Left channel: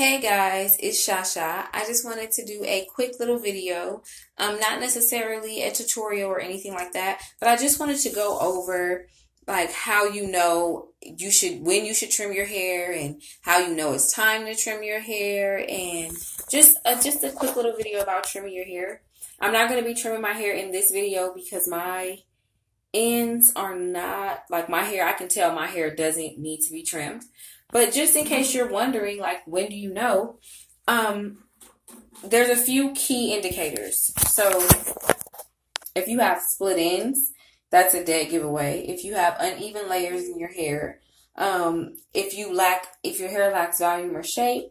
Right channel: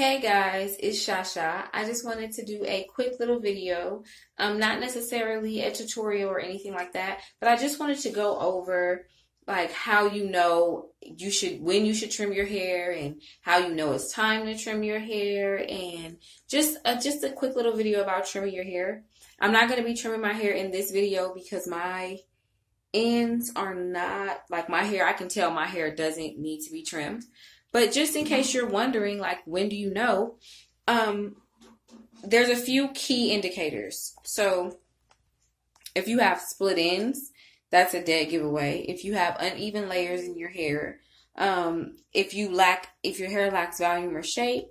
Hey guys, it's Shasha. I just wanted to do a quick little video. Not necessarily a tutorial or anything like that, but I just wanted to go over like how you know when you should trim your hair and how you know it's time to trim your hair and just a quick little video about trimming your hair. I'm not going to be trimming my hair in this video because my ends are not like my hair. I can tell my hair doesn't need to be trimmed. But just in case you're wondering, like, when do you know? There's a few key indicators. So if you have split ends, that's a dead giveaway. If you have uneven layers in your hair, if your hair lacks volume or shape,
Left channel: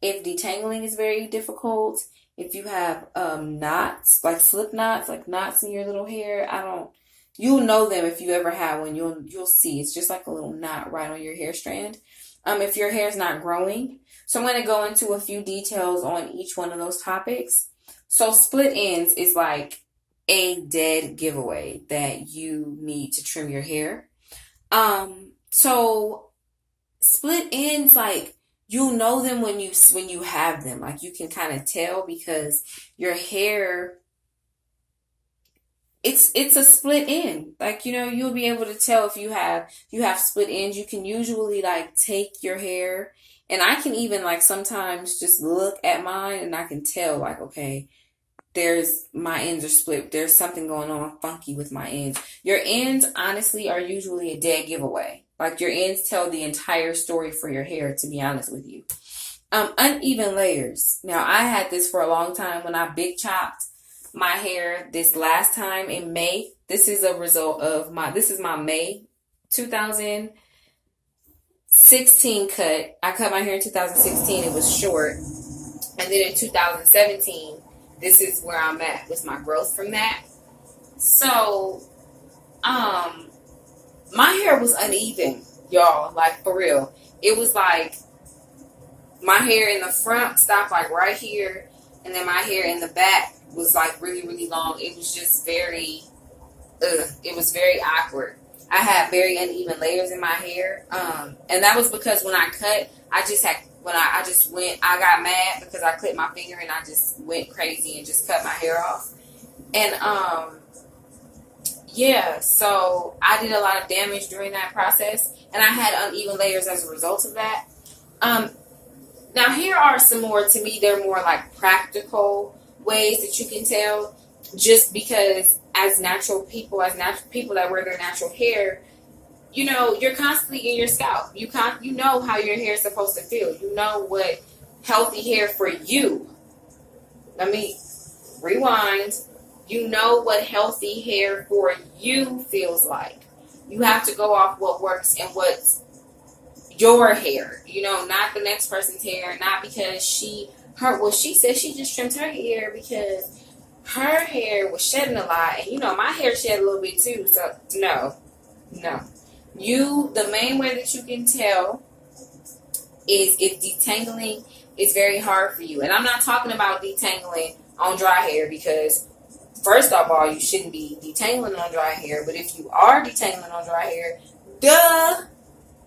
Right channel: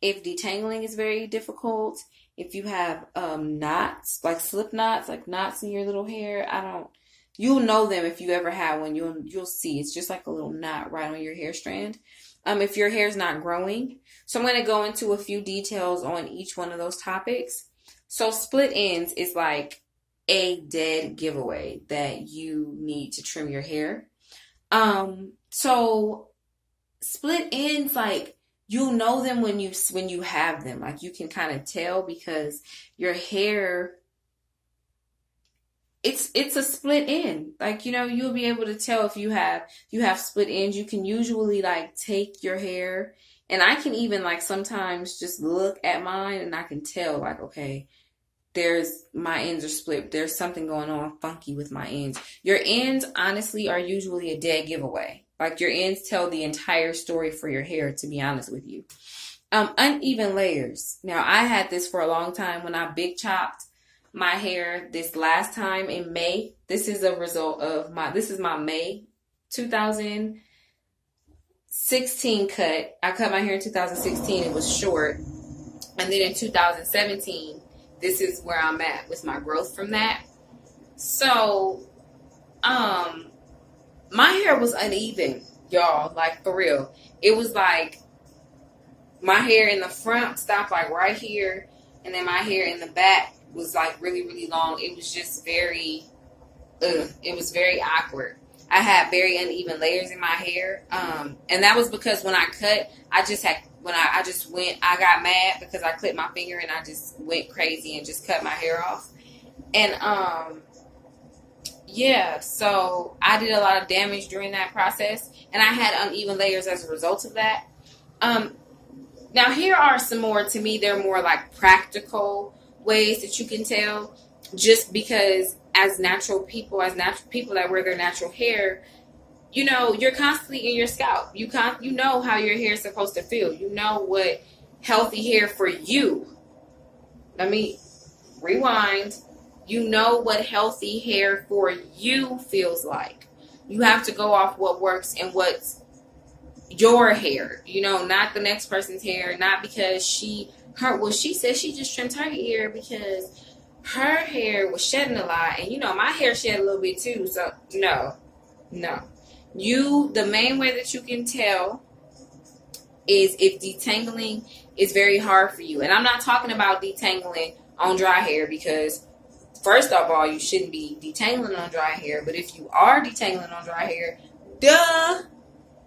if detangling is very difficult, if you have knots, like slip knots, like knots in your little hair, you'll know them if you ever have one. You'll see it's just like a little knot right on your hair strand. If your hair is not growing. So I'm going to go into a few details on each one of those topics. So split ends is like a dead giveaway that you need to trim your hair. So split ends, like, you'll know them when you have them. Like, you can kind of tell because your hair, it's a split end. Like, you know, you'll be able to tell if you have split ends. You can usually like take your hair, and I can even like sometimes just look at mine and I can tell like, okay, my ends are split. There's something going on funky with my ends. Your ends honestly are usually a dead giveaway. Like, your ends tell the entire story for your hair, to be honest with you. Uneven layers. Now, I had this for a long time when I big chopped my hair this last time in May. This is a result of this is my May 2016 cut. I cut my hair in 2016. It was short. And then in 2017, this is where I'm at with my growth from that. So, my hair was uneven, y'all, like, for real. It was like my hair in the front stopped like right here, and then my hair in the back was like really, really long. It was just very, it was very awkward. I had very uneven layers in my hair. And that was because when I cut, I got mad because I clipped my finger and I just went crazy and just cut my hair off. And, yeah, so I did a lot of damage during that process, and I had uneven layers as a result of that. Now here are some more, to me, they're more like practical ways that you can tell, just because as natural people that wear their natural hair, you know, you're constantly in your scalp. You know how your hair is supposed to feel. You know what healthy hair for you. Let me rewind. You know what healthy hair for you feels like. You have to go off what works and what's your hair. You know, not the next person's hair. Not because she said she just trimmed her hair because her hair was shedding a lot. And, you know, my hair shed a little bit too. So, no. The main way that you can tell is if detangling is very hard for you. And I'm not talking about detangling on dry hair because, first of all, you shouldn't be detangling on dry hair. But if you are detangling on dry hair,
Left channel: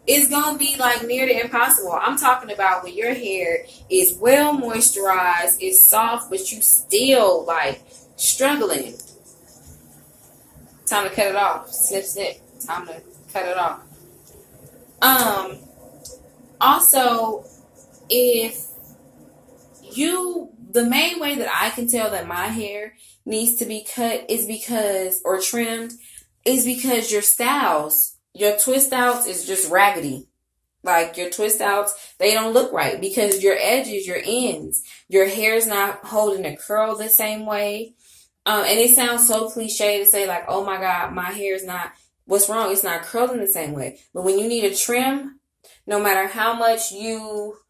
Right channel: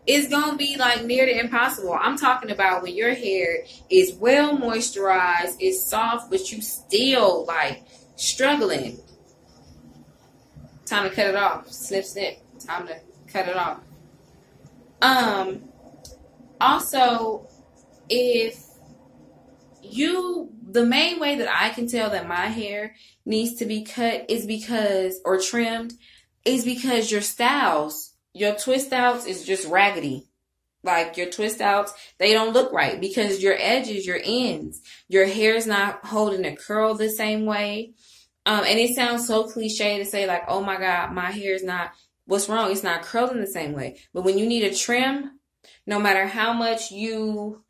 it's going to be like near to impossible. I'm talking about when your hair is well moisturized, it's soft, but you still like struggling. Time to cut it off. Snip, snip. Time to cut it off. Also, the main way that I can tell that my hair needs to be cut or trimmed is because your twist outs is just raggedy. Like, your twist outs, they don't look right because your edges, your ends, your hair's not holding a curl the same way. And it sounds so cliche to say like, oh my God, my hair is not, what's wrong? It's not curling the same way. But when you need a trim, no matter how much you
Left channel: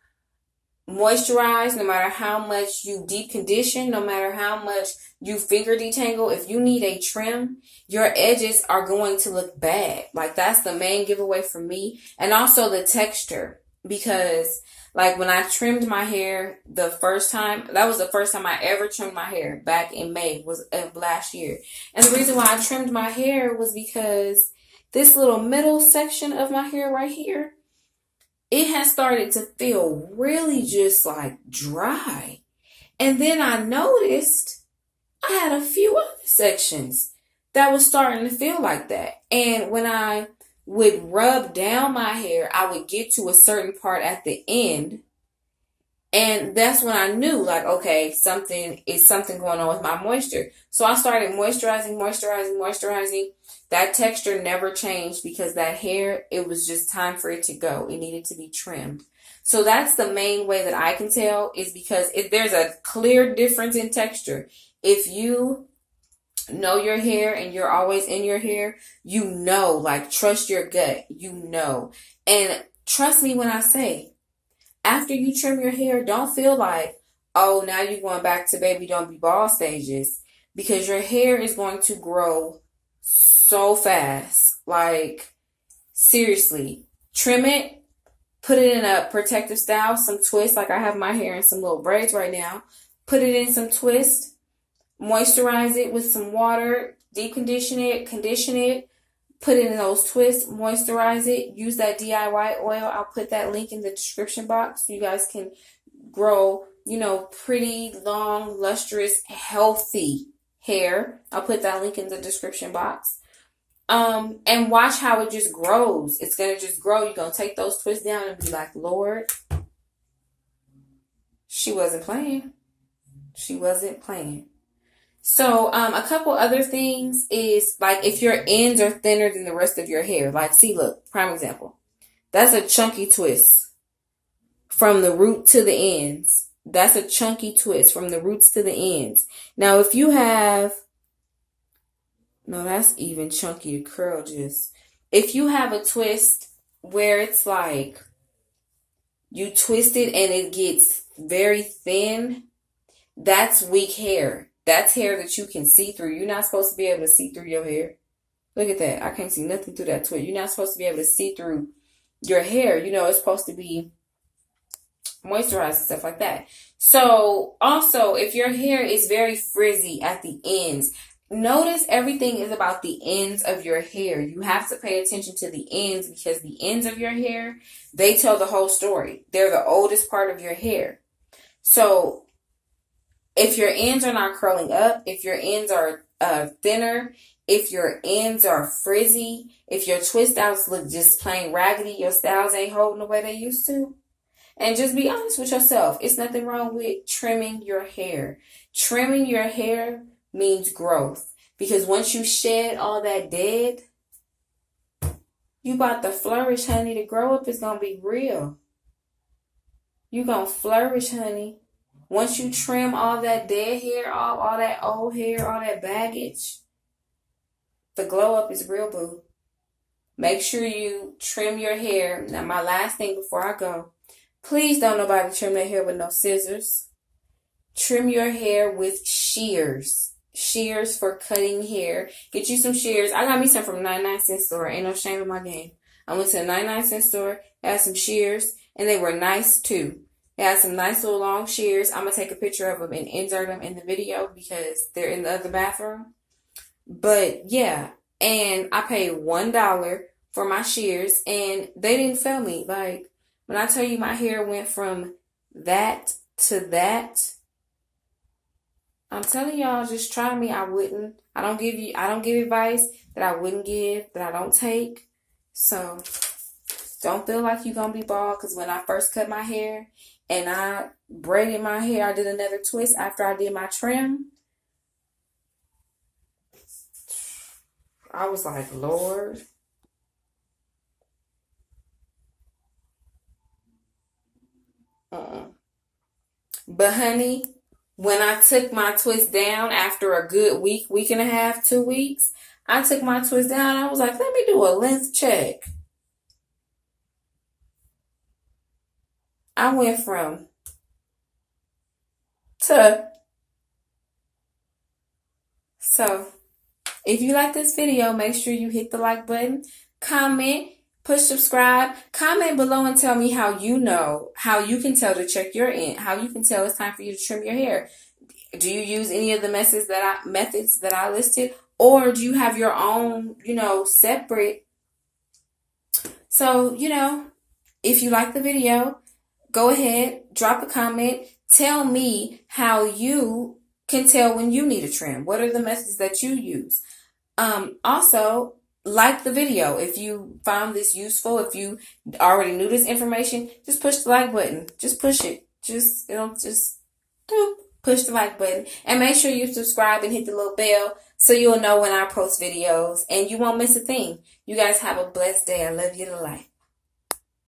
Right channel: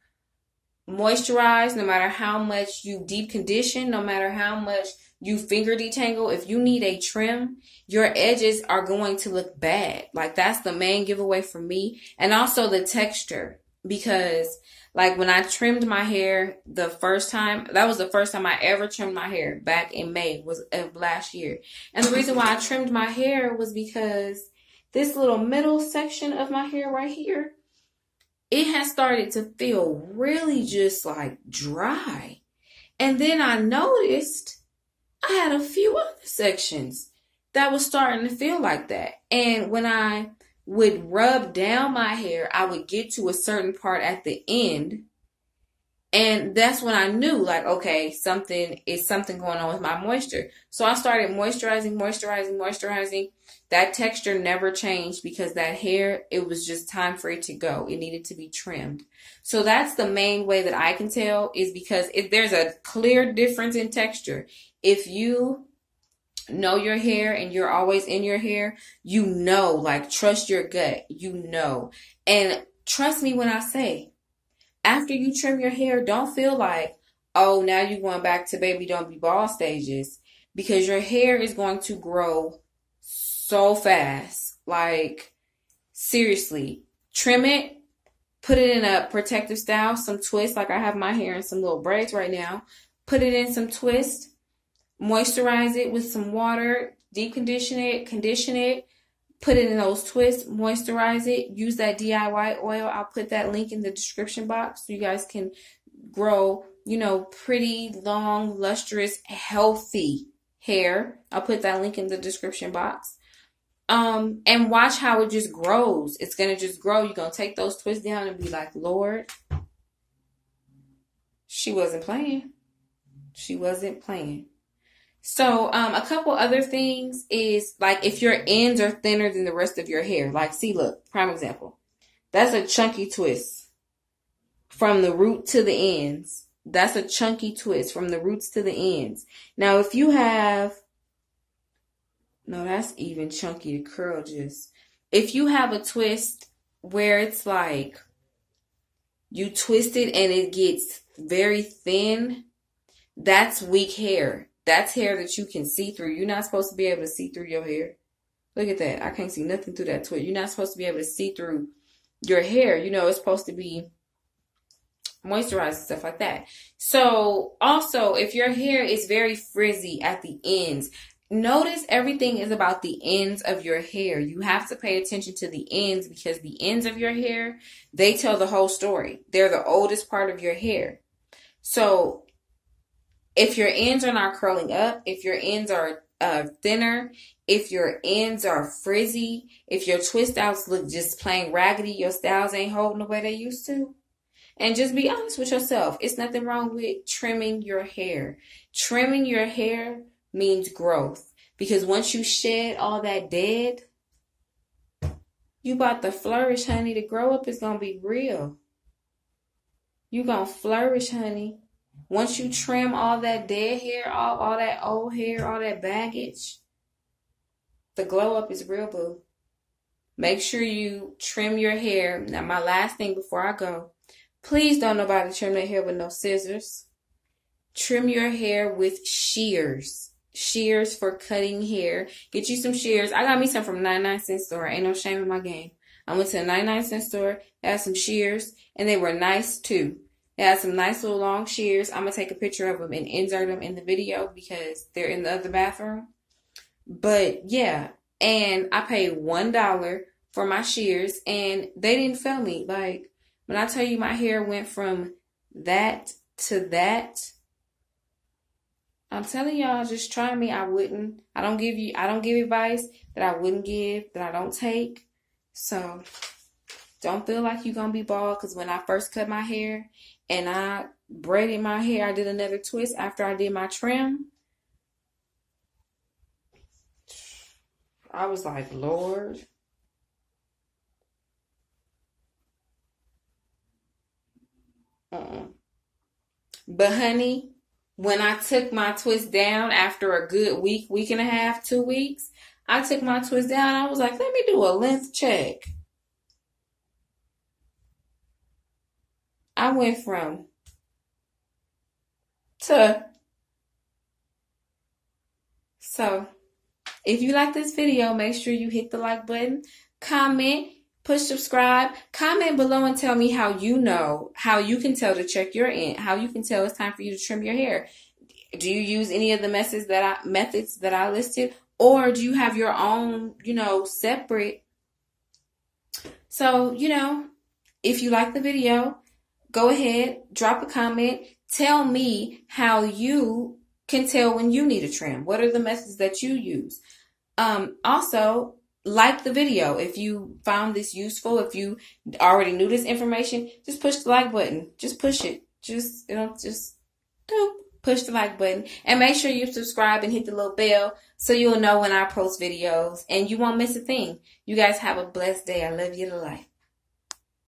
moisturize, no matter how much you deep condition, no matter how much you finger detangle, if you need a trim, your edges are going to look bad. Like, that's the main giveaway for me. And also the texture, because like when I trimmed my hair the first time, that was the first time I ever trimmed my hair back in May of last year. And the reason why I trimmed my hair was because this little middle section of my hair right here, it has started to feel really just like dry. And then I noticed I had a few other sections that was starting to feel like that. And when I would rub down my hair, I would get to a certain part at the end. And that's when I knew, like, okay, something going on with my moisture. So I started moisturizing. That texture never changed because that hair, it was just time for it to go. It needed to be trimmed. So that's the main way that I can tell, is because if there's a clear difference in texture. If you know your hair and you're always in your hair, you know, like, trust your gut, you know. And trust me when I say, after you trim your hair, don't feel like, oh, now you're going back to baby don't be bald stages, because your hair is going to grow so fast. Like, seriously, trim it, put it in a protective style, some twist, like I have my hair in some little braids right now. Put it in some twist, moisturize it with some water, deep condition it, put it in those twists, moisturize it, use that DIY oil. I'll put that link in the description box so you guys can grow, you know, pretty, long, lustrous, healthy hair. I'll put that link in the description box. And watch how it just grows. It's going to just grow. You're going to take those twists down and be like, Lord, she wasn't playing. She wasn't playing. So, a couple other things is, like, if your ends are thinner than the rest of your hair. Like, see, look, prime example. That's a chunky twist from the root to the ends. That's a chunky twist from the roots to the ends. Now, if you have, no, that's even chunky to curl just. If you have a twist where it's like, you twist it and it gets very thin, that's weak hair. That's hair that you can see through. You're not supposed to be able to see through your hair. Look at that. I can't see nothing through that twist. You're not supposed to be able to see through your hair. You know, it's supposed to be moisturized and stuff like that. So, also, if your hair is very frizzy at the ends, notice everything is about the ends of your hair. You have to pay attention to the ends, because the ends of your hair, they tell the whole story. They're the oldest part of your hair. So, if your ends are not curling up, if your ends are thinner, if your ends are frizzy, if your twist outs look just plain raggedy, your styles ain't holding the way they used to. And just be honest with yourself. It's nothing wrong with trimming your hair. Trimming your hair means growth. Because once you shed all that dead, you about to flourish, honey. The grow up is going to be real. You going to flourish, honey. Once you trim all that dead hair off, all that old hair, all that baggage, the glow up is real, boo. Make sure you trim your hair. Now, my last thing before I go, please don't nobody trim their hair with no scissors. Trim your hair with shears. Shears for cutting hair. Get you some shears. I got me some from 99-cent store. Ain't no shame in my game. I went to a 99-cent store, had some shears, and they were nice too. It has some nice little long shears. I'm going to take a picture of them and insert them in the video because they're in the other bathroom. But yeah, and I paid $1 for my shears and they didn't fail me. Like, when I tell you my hair went from that to that, I'm telling y'all, just try me. I don't give advice that I wouldn't give, that I don't take. So don't feel like you're going to be bald, because when I first cut my hair and I braided my hair, I did another twist after I did my trim. I was like, Lord. But honey, when I took my twist down after a good week, week and a half, 2 weeks, I took my twist down. I was like, let me do a length check. I went from to. So, if you like this video, make sure you hit the like button, comment, push subscribe, comment below and tell me how you know, how you can tell to check your end, how you can tell it's time for you to trim your hair. Do you use any of the methods that I listed, or do you have your own, separate? So, If you like the video, go ahead, drop a comment. Tell me how you can tell when you need a trim. What are the methods that you use? Also, like the video. If you found this useful, if you already knew this information, just push the like button. Just push it. Just push the like button. And make sure you subscribe and hit the little bell so you'll know when I post videos and you won't miss a thing. You guys have a blessed day. I love you to life.